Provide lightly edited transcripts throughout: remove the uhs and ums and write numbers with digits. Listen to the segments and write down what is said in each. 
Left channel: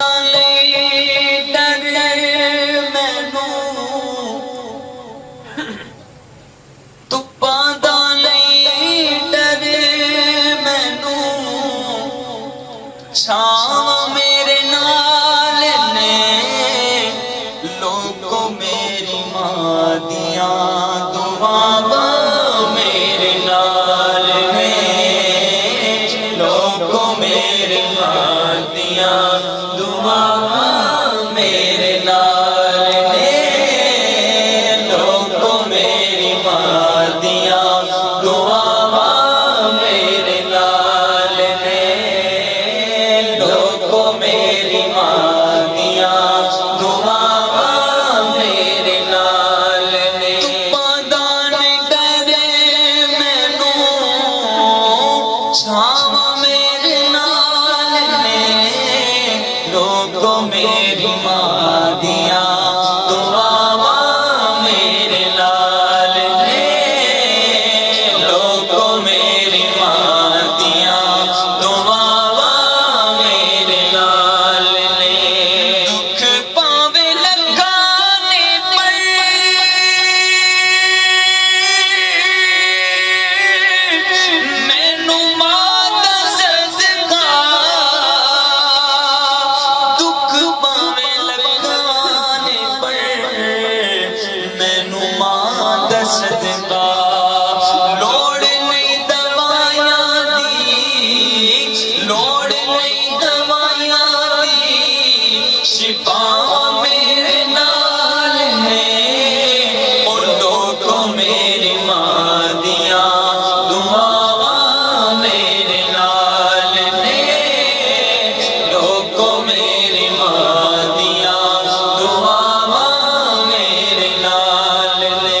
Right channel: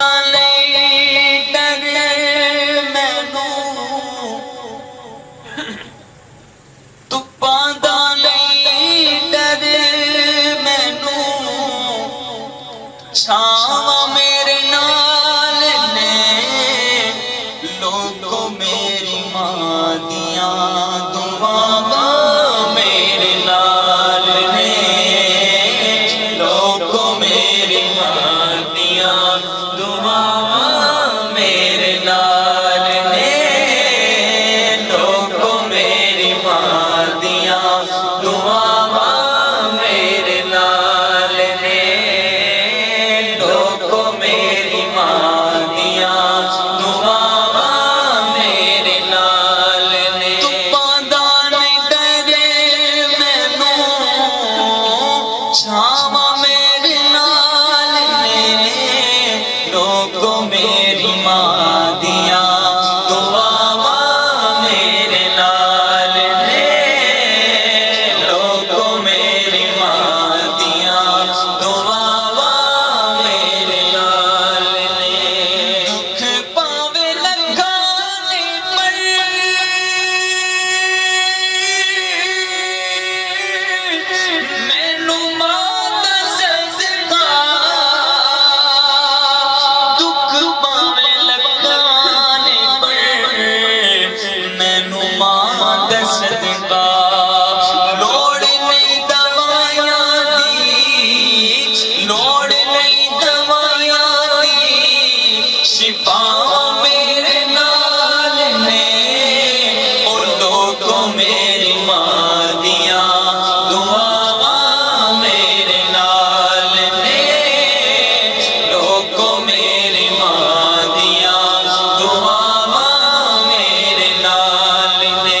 ڈر مینوں تپاں دا نہیں ڈر مینوں چھاواں میرے نال نے لوگوں میری ماں دیاں دعاواں میرے نال نے لوگوں میری ماں دیاں میری ماں دیاں دعاواں میرے نال نے لوگوں میری ماں دیاں دعاواں میرے نال نے دکھ پاوے لگانے پر مینوں ماں دا صدقہ صدقہ لوڑ نہیں دوائیاں دی لوڑ نہیں دوائیاں دی شفا میرے نال نے او لوگوں میری ماں دیاں دعاواں میرے نال نے لوگوں میری ماں دیاں دعاواں میرے نال نے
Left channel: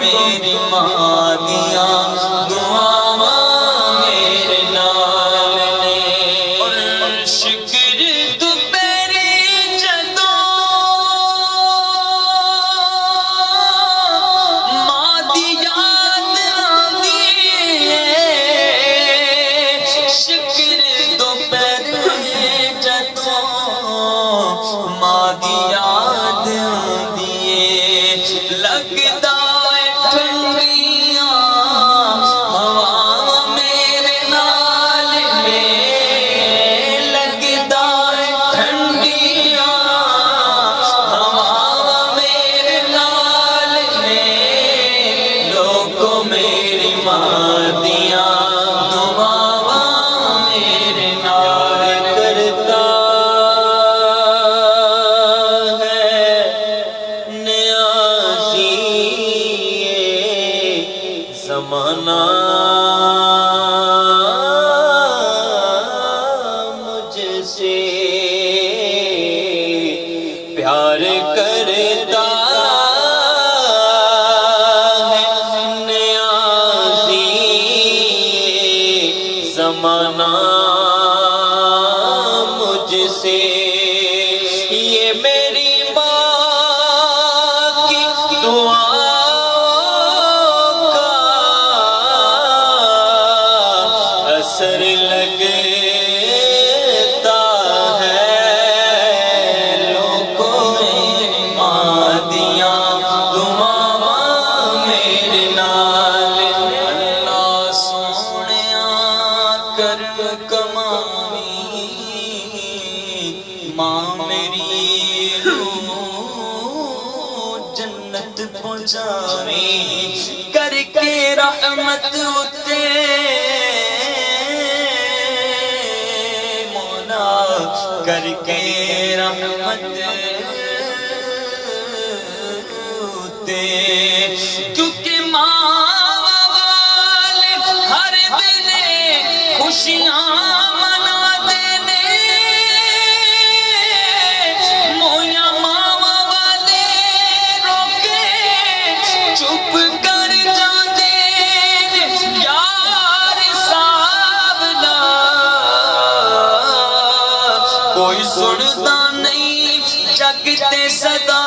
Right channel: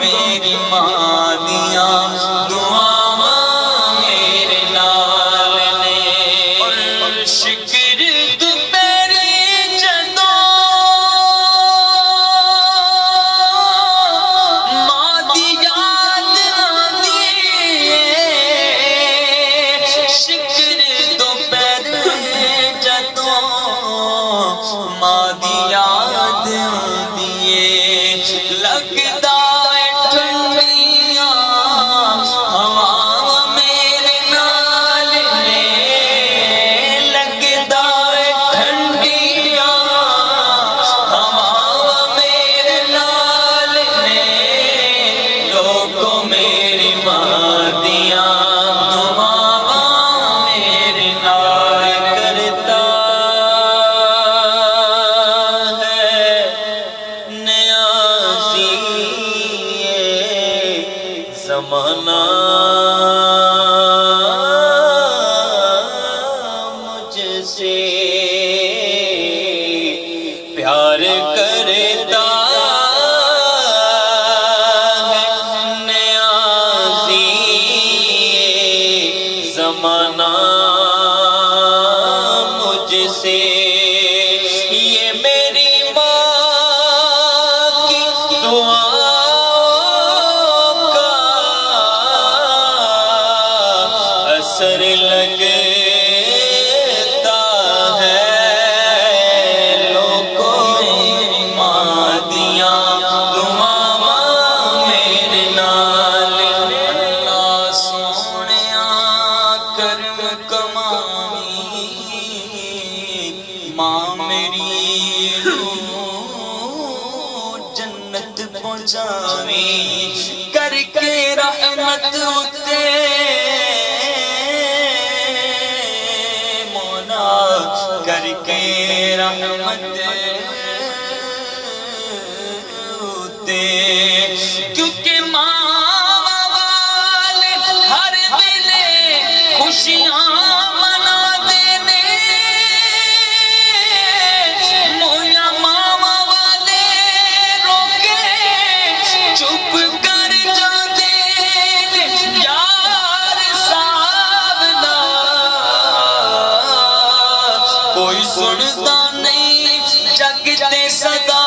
میری ماں دیاں دعاواں میرے نال نے اور شکر دوپہری جدوں ماں دی یاد آندی ہے شکر دوپہری جدوں ماں دی یاد آندی ہے لگدا میری ماں دیاں دعاواں میرے نال کرتا ہے نیازی زمانہ مجھ سے پیار کرتا زمانہ مجھ سے یہ میری ماں کی دعا کا اثر لگتا ہے لوگوں میری ماں دیاں دعاواں میرے نال اللہ سونیاں کرم کماویں ماں میری جنت پہنچاویں کر کے رحمت اتے مولا کر کے رحمت اتے کیونکہ ماں والے ہر ویلے خوشیاں منا دینے مویا ماما والے روکے چپ کر جاندے یار صاحب دا کوئی سندا نہیں جگ تے صدا